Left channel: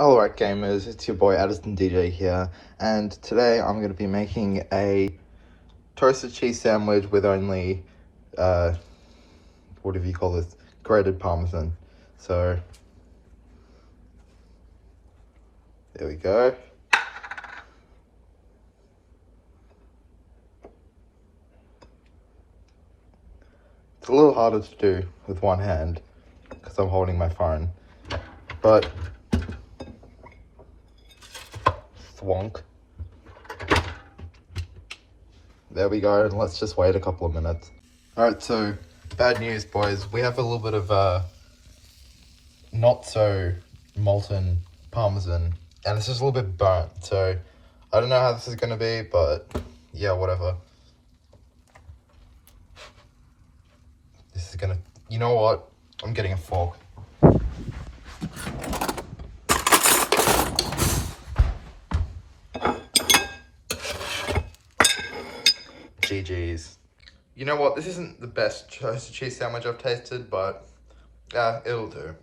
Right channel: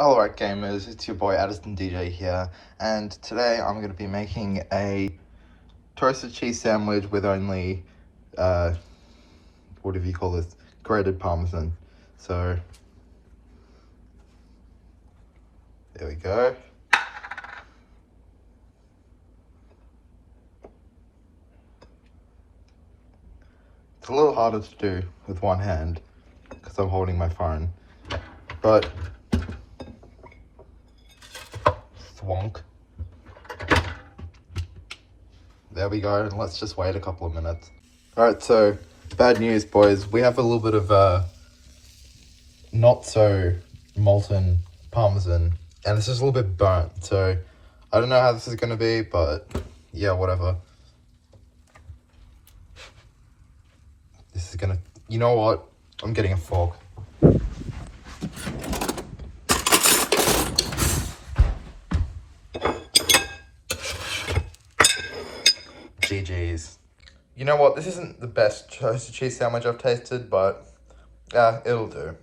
Alright gamers, it's your boy Addison DJ here, and today I'm going to be making a toasted cheese sandwich with only, what do you call this, grated Parmesan. So, there we go. It's a little harder to do with one hand, because I'm holding my phone, but thwonk. There we go, let's just wait a couple of minutes. Alright, so bad news boys, we have a little bit of not so molten Parmesan and it's just a little bit burnt, so I don't know how this is going to be, but yeah, whatever. This is gonna, you know what, I'm getting a fork. GG's. You know what, this isn't the best toasted cheese sandwich I've tasted, but it'll do.